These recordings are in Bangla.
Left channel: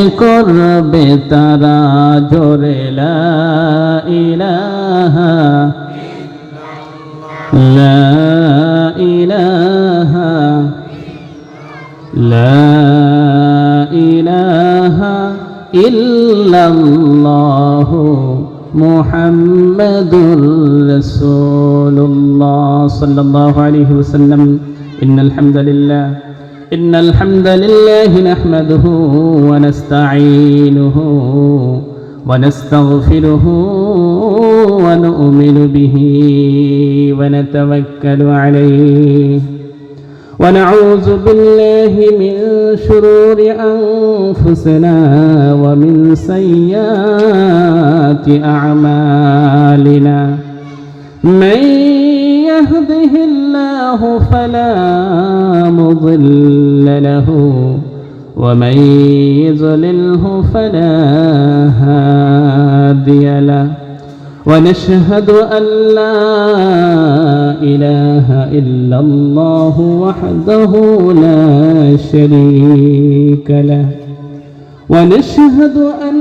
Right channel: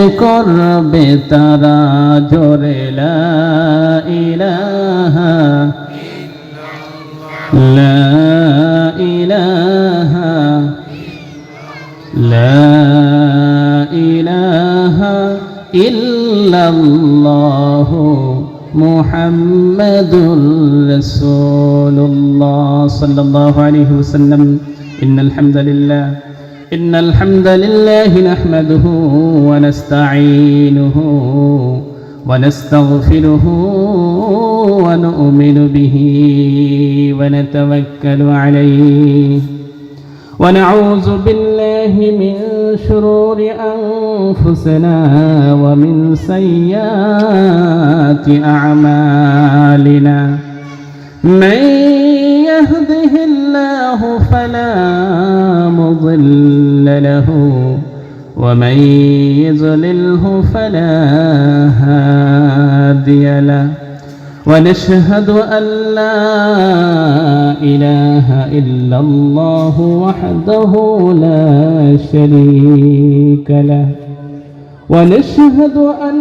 করবে তারা জোরে লা ইলাহা লা ইলাহা লা ইলাহা ইল্লাল্লাহু মুহাম্মাদুর রাসূলুল্লাহ সাল্লাল্লাহু আলাইহি ওয়াসাল্লাম। إن الحمد لله نحمده ونستعينه ونستغفره ونؤمن به ونتوكل عليه ونعوذ بالله من شرور أنفسنا ومن سيئات أعمالنا. من يهده الله فلا مضل له ومن يضلله فلا هادي له. ونشهد أن لا إله إلا الله وحده لا شريك له. ونشهد أن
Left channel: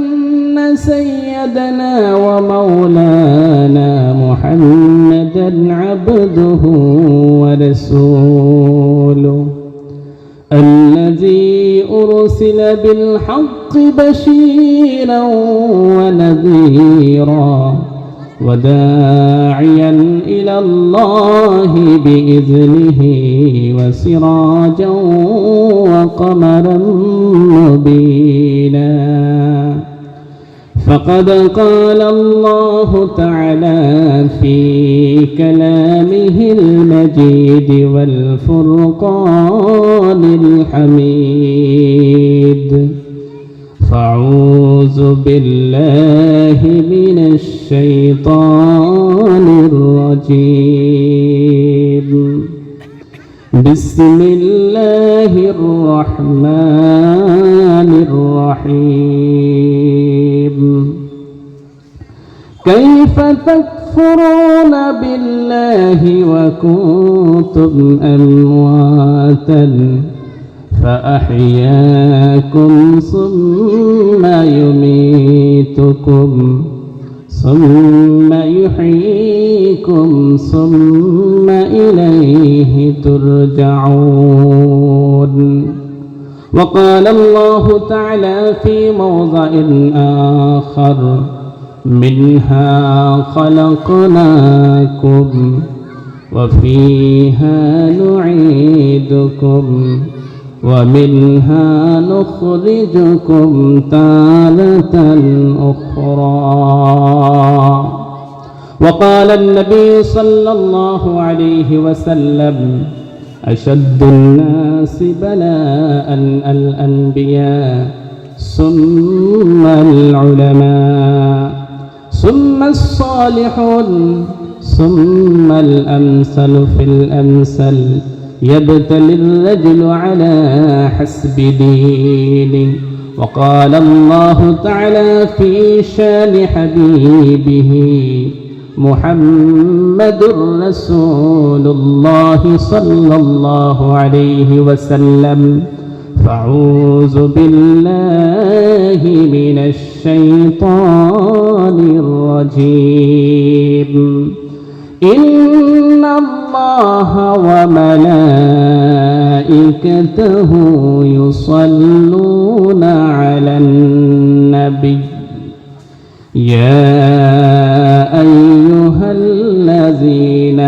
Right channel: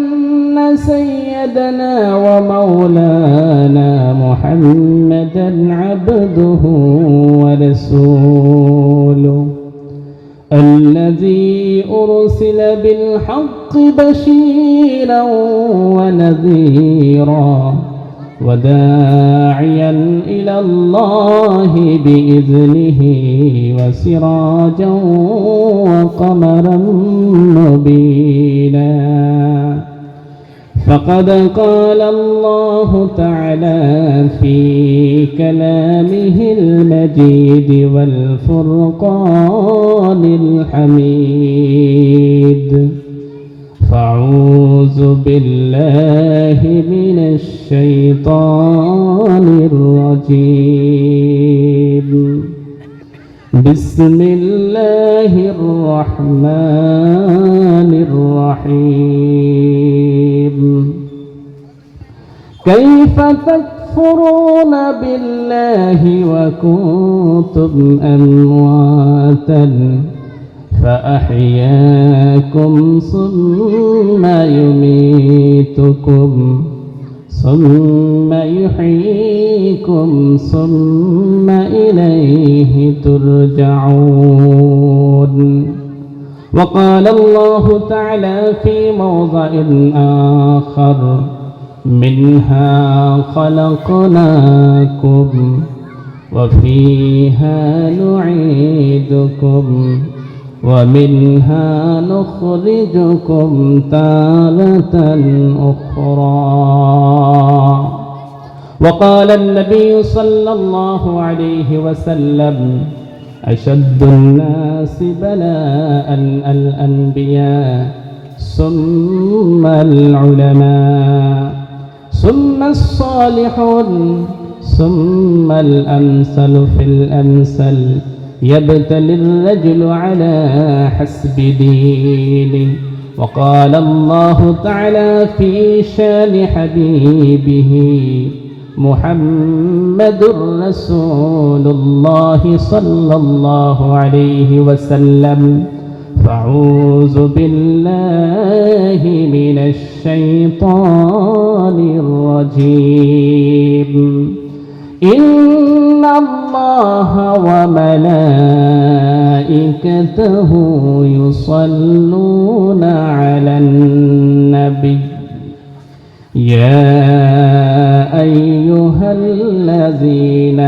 سيدنا ومولانا محمدا عبده ورسوله الذي أرسل بالحق بشيرا ونذيرا وداعيا إلى الله بإذنه وسراجا وقمرا مبينا. فقد قال الله تعالى في كلامه المجيد والفرقان الحميد. فأعوذ بالله من الشيطان الرجيم. بسم الله الرحمن الرحيم. كيف تكفرون بالله وكنتم أمواتا فأحياكم ثم يميتكم ثم يحييكم ثم إليه ترجعون. وقال الله تعالى في موضع آخر: منها خلقناكم وفيها نعيدكم ومنها نخرجكم تارة أخرى. وقال النبي صلى الله عليه وسلم: أشد الناس بلاء الأنبياء ثم العلماء ثم الصالحون ثم الأمثل في الأمثل يبتلي الرجل على حسب دينه. وقال الله تعالى في شان حبيبه محمد رسول الله صلى الله عليه وسلم: فأعوذ بالله من الشيطان الرجيم. إن الله وملائكته يصلون على النبي يا أيها الذين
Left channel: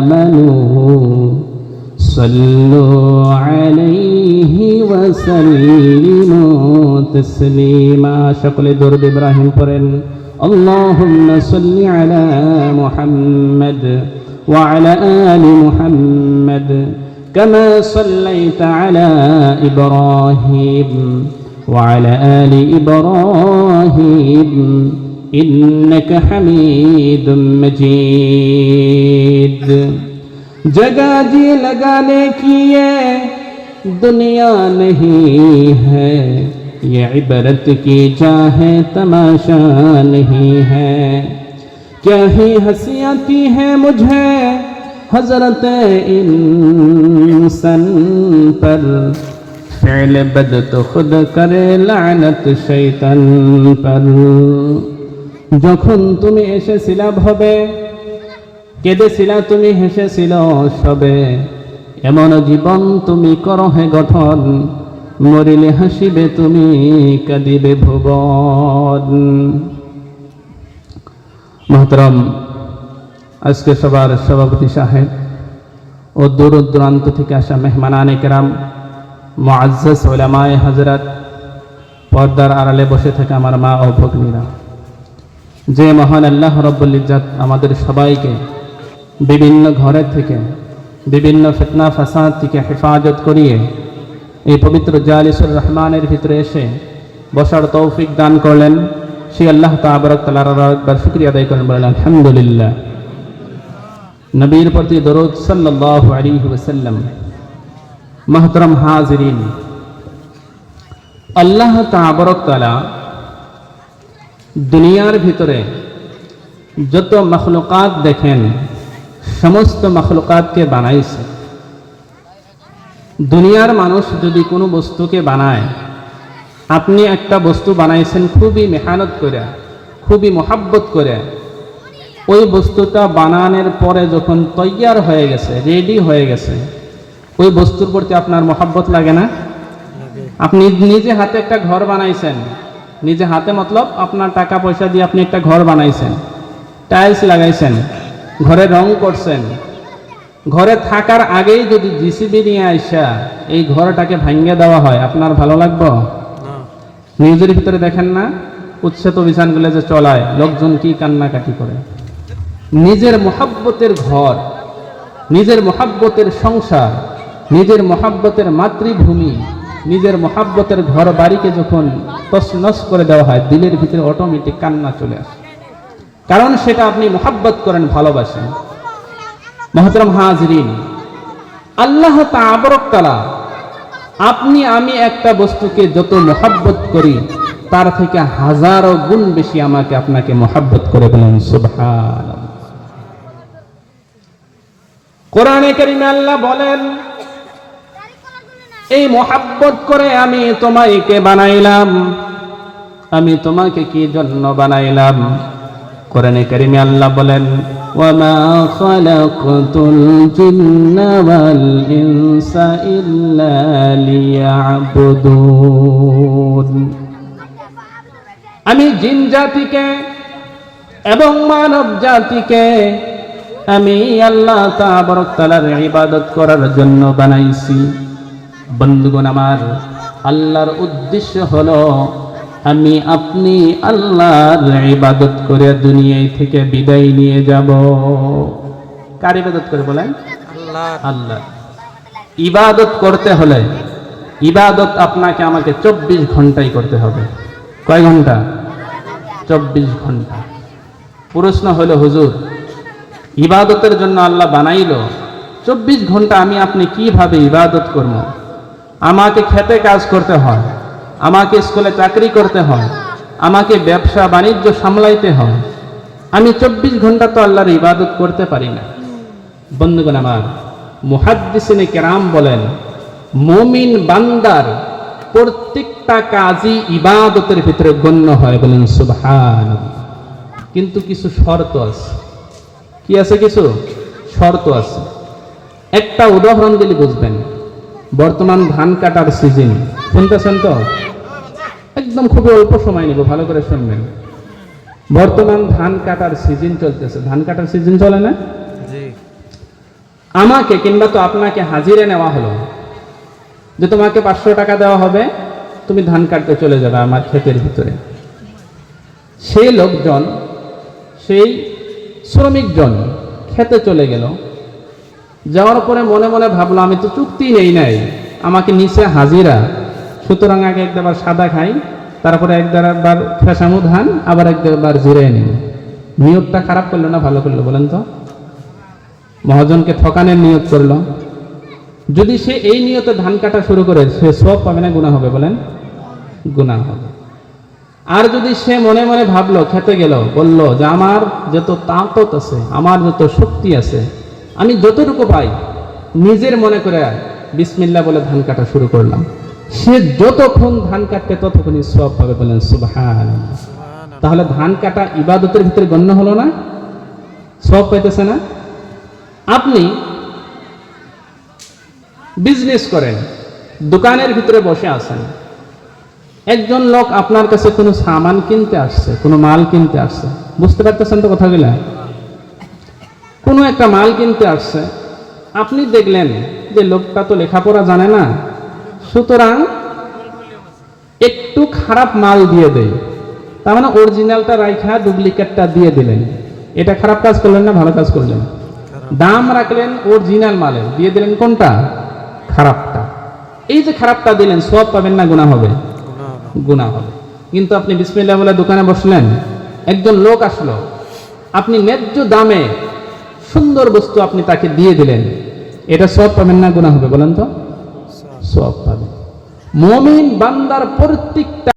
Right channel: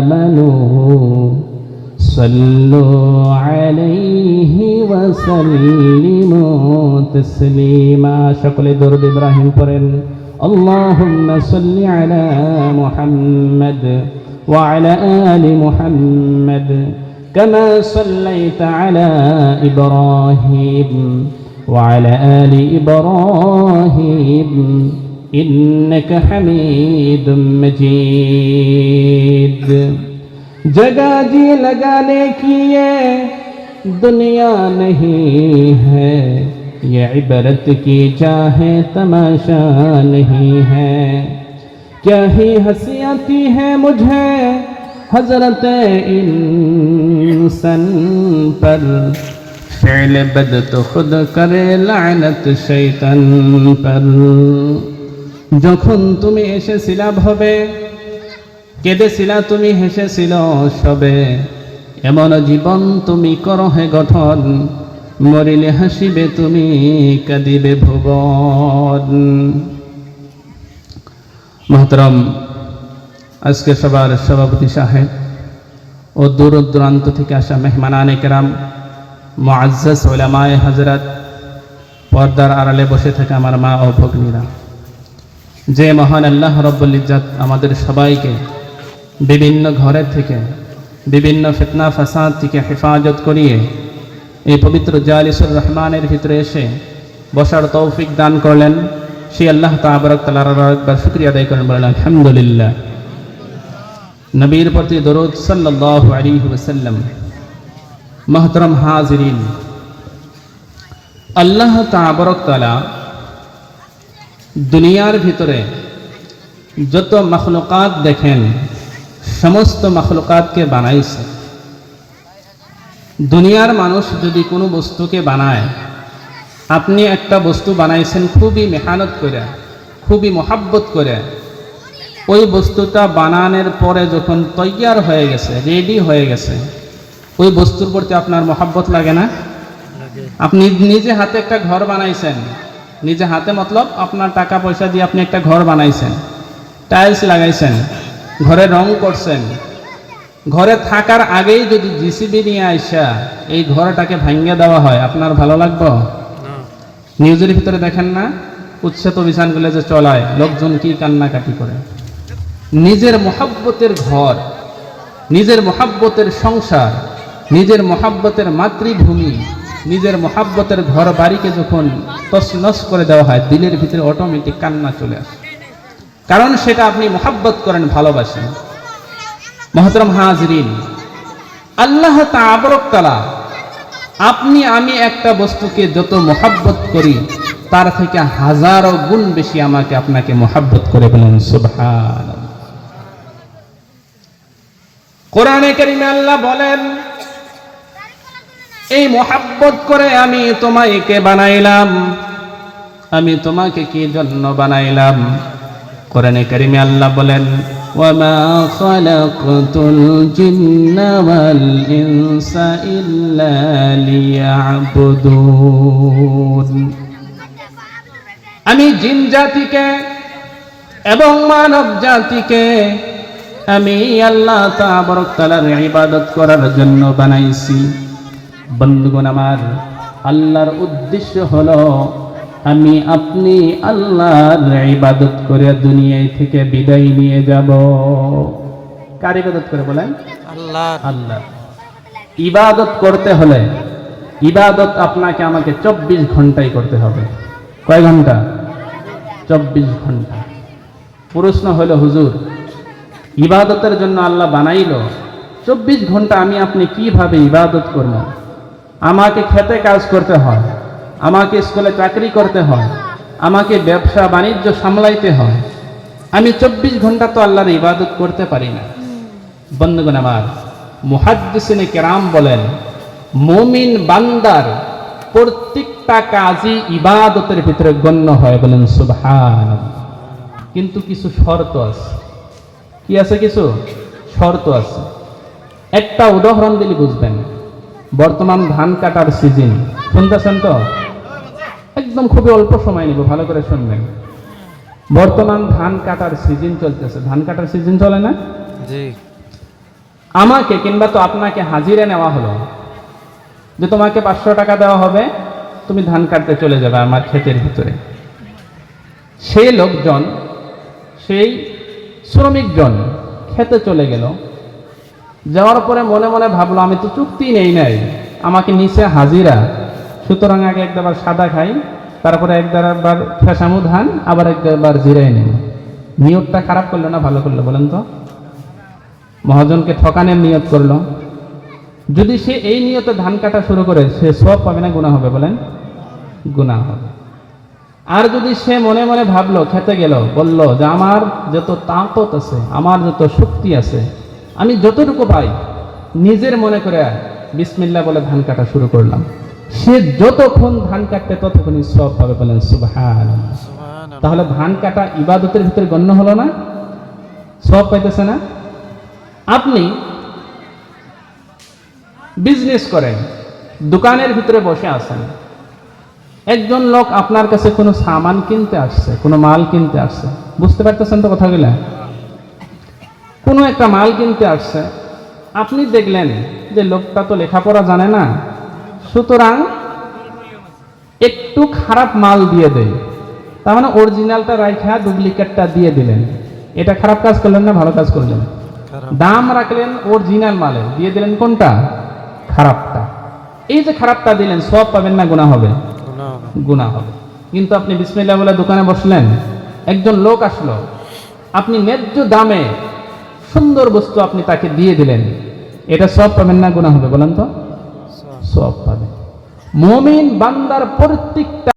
آمنوا صلوا عليه وسلموا تسليما. شكل درب إبراهيم قرن. اللهم صل على محمد وعلى آل محمد كما صليت على إبراهيم وعلى آل إبراهيم إنك حميد مجيد. जगह जी लगाने की ये दुनिया नहीं है, ये इबरत की चाहे तमाशा नहीं है। क्या ही हंसी आती है मुझे हजरत इंसान पर, فعل بد تو خود کرے لعنت শয়তান پر যখন তুমি এসেছিলা ভবে কেঁদেছিলা তুমি হেসেছিল সবে এমন জীবন তুমি করো হে গঠন মরিলে হাসিবে তুমি কাঁদিবে ভুবন। মোহতরম আজকে সবার সভাপতি সাহেব ও দূর দূরান্ত থেকে আসা মেহমানানে কেরাম, মুআজ্জাজ উলামায়ে হযরত, পর্দার আড়ালে বসে থাকা আমার মা ও ভগ্নীরা, যে মহান আল্লাহ রাব্বুল ইজ্জত আমাদের সবাইকে বিভিন্ন ঘরের থেকে বিভিন্ন ফিতনা ফাসাদ থেকে হেফাজত করিয়ে এই পবিত্র জালিসুর রহমানের ভিতরে এসে বসার তৌফিক দান করলেন, সেই আল্লাহ তাবারক তাআলার একবার শুকরিয়া আদায় করেন, বলেন আলহামদুলিল্লাহ। নবীর প্রতি দরুদ সাল্লাল্লাহু আলাইহি ওয়াসাল্লাম। মুহতারাম হাজিরিন, আল্লাহ তাবারক তাআলা দুনিয়ার ভিতরে যত মখলুকাত দেখেন সমস্ত মখলুকাতকে বানাইছে। দুনিয়ার মানুষ যদি কোনো বস্তুকে বানায়, আপনি একটা বস্তু বানাইছেন খুবই মেহনত করে, খুবই মহাব্বত করে, ওই বস্তুটা বানানোর পরে যখন তৈয়ার হয়ে গেছে, রেডি হয়ে গেছে, ওই বস্তুর প্রতি আপনার মহাব্বত লাগে না? আপনি নিজে হাতে একটা ঘর বানাইছেন, নিজে হাতে মতলব আপনার টাকা পয়সা দিয়ে আপনি একটা ঘর বানাইছেন, টাইলস লাগাইছেন, ঘরে রং করছেন, ঘরে থাকার আগেই যদি জিসিবি নিয়ে আইসা এই ঘরটাকে ভাঙ্গে দেওয়া হয়, আপনার ভালো লাগবে? নিউজের ভিতরে দেখেন না উচ্ছেদ অভিযানগুলো যে চলায়, লোকজন কি কান্নাকাটি করে। নিজের মহাব্বতের ঘর, নিজের মহাব্বতের সংসার, নিজের মহাব্বতের মাতৃভূমি, নিজের মহাব্বতের ঘর বাড়িকে যখন তছনছ করে দেওয়া হয়, দিলের ভিতরে অটোমেটিক কান্না চলে আসে, কারণ সেটা আপনি মহাব্বত করেন, ভালোবাসেন। মুহতারাম হাজিরিন, আল্লাহ তাবারক তাআলা আপনি আমি একটা বস্তুকে যত মহাব্বত করি তার থেকে হাজারো গুণ বেশি আমাকে আপনাকে মহাব্বত করে, বলেন সুবহানাল্লাহ। কোরআনে কারীমে আল্লাহ বলেন, এই মহাব্বত করে আমি তোমাকে বানাইলাম। আমি তোমাকে কি জন্য বানাইলাম? কোরআনে কারীমে আল্লাহ বলেন, ওয়ামা খালাকতুল জিন্না ওয়াল ইনসা ইল্লা লিয়াবুদুন। আমি জিন জাতিকে এবং মানব জাতিকে আমি আল্লাহ তাবারক তাআলার ইবাদত করার জন্য বানাইছি। বন্ধুগণ আমার, আল্লাহর উদ্দেশ্য হলো আমি আপনি আল্লাহর ইবাদত করে দুনিয়া থেকে বিদায় নিয়ে যাব। কার ইবাদত করে বলেন? আল্লাহ। আল্লাহ ইবাদত করতে হলে, ইবাদত আপনাকে আমাকে 24 ঘন্টাই করতে হবে। কয় ঘন্টা? 24 ঘন্টা। প্রশ্ন হলো, হুজুর ইবাদতের জন্য আল্লাহ বানাইলো, 24 ঘন্টা আমি আপনি কিভাবে ইবাদত করব? আমাকে খেতে কাজ করতে হয়, আমাকে স্কুলে চাকরি করতে হয়, আমাকে ব্যবসা বাণিজ্য সামলাইতে হয়, আমি 24 ঘন্টা তো আল্লাহর ইবাদত করতে পারি না। বন্ধুগণ আমার, মুহাদ্দিসিনে কেরাম বলেন, মুমিন বান্দার প্রত্যেকটা কাজই ইবাদতের ভিতরে গণ্য হয়, বলেন সুবহানাল্লাহ। কিন্তু কিছু শর্ত আছে। কি আছে? কিছু শর্ত আছে। একটা উদাহরণ দিলে বুঝবেন। বর্তমান ধান কাটার সিজন, শুনতেছেন তো? একদম খুবই অল্প সময় নিব, ভালো করে শুনবেন। বর্তমান ধান কাটার সিজন চলতেছে। ধান কাটার সিজন চলে না? জি। আমাকে কিংবা তো আপনাকে হাজিরা নেওয়া হলো যে তোমাকে 500 টাকা দেওয়া হবে, তুমি ধান কাটতে চলে যাবে আমার ক্ষেতের ভিতরে। সেই লোকজন, সেই শ্রমিকজন খেতে চলে গেল। যাওয়ার পরে মনে মনে ভাবলো, আমি তো চুক্তি নেই নাই, আমাকে নিচে হাজিরা, সুতরাং আগে একবার সাদা খাই, তারপরে একবার ফেসামু ধান, আবার একবার জিরাই নিই। নিয়তটা খারাপ করলো না ভালো করলো বলেন তো? মহাজনকে ঠকানোর নিয়ত করলো। যদি সে এই নিয়তে ধান কাটা শুরু করে, সে সওয়াব পাবে না গুনাহ হবে? বলেন গুনাহ হবে। আর যদি সে মনে মনে ভাবলো, খেতে গেল, বলল যে আমার যত তাকত আছে, আমার যত শক্তি আছে, আমি যতটুকু পাই নিজের মনে করে বিসমিল্লাহ বলে ধান কাটা শুরু করলাম, সে যতক্ষণ ধান কাটবে ততক্ষণই সওয়াব পাবে, বলেন সুবহানাল্লাহ। তাহলে ধান কাটা ইবাদতের ভিতরে গণ্য হলো না? সওয়াব পাইতেছে না? আপনি বিজনেস করেন, দোকানের ভিতরে বসে আছেন, একজন লোক আপনার কাছে কোনো সামান কিনতে আসছে, কোনো মাল কিনতে আসছে, বুঝতে পারতেছেন তো কথাগুলা? কোনো একটা মাল কিনতে আসছে, আপনি দেখলেন যে লোকটা তো লেখাপড়া জানে না, সুতরাং একটু খারাপ মাল দিয়ে দেয়, তার মানে অরিজিনালটা রাইখা ডুপ্লিকেটটা দিয়ে দিলেন। এটা খারাপ কাজ করলেন না ভালো কাজ করলেন? দাম রাখলেন অরিজিনাল মালে, দিয়ে দিলেন কোনটা? খারাপটা। এই যে খারাপটা দিলেন, সওয়াব পাবেন না গুনাহ হবে? গুনাহ হবে। কিন্তু আপনি বিসমিল্লাহ বলে দোকানে বসলেন, একজন লোক আসলো, আপনি ন্যায্য দামে সুন্দর বস্তু আপনি তাকে দিয়ে দিলেন, এটা সওয়াব পাবেন না গুনাহ হবে? বলেন তো। সওয়াব পাবে। মুমিন বান্দার প্রত্যেকটা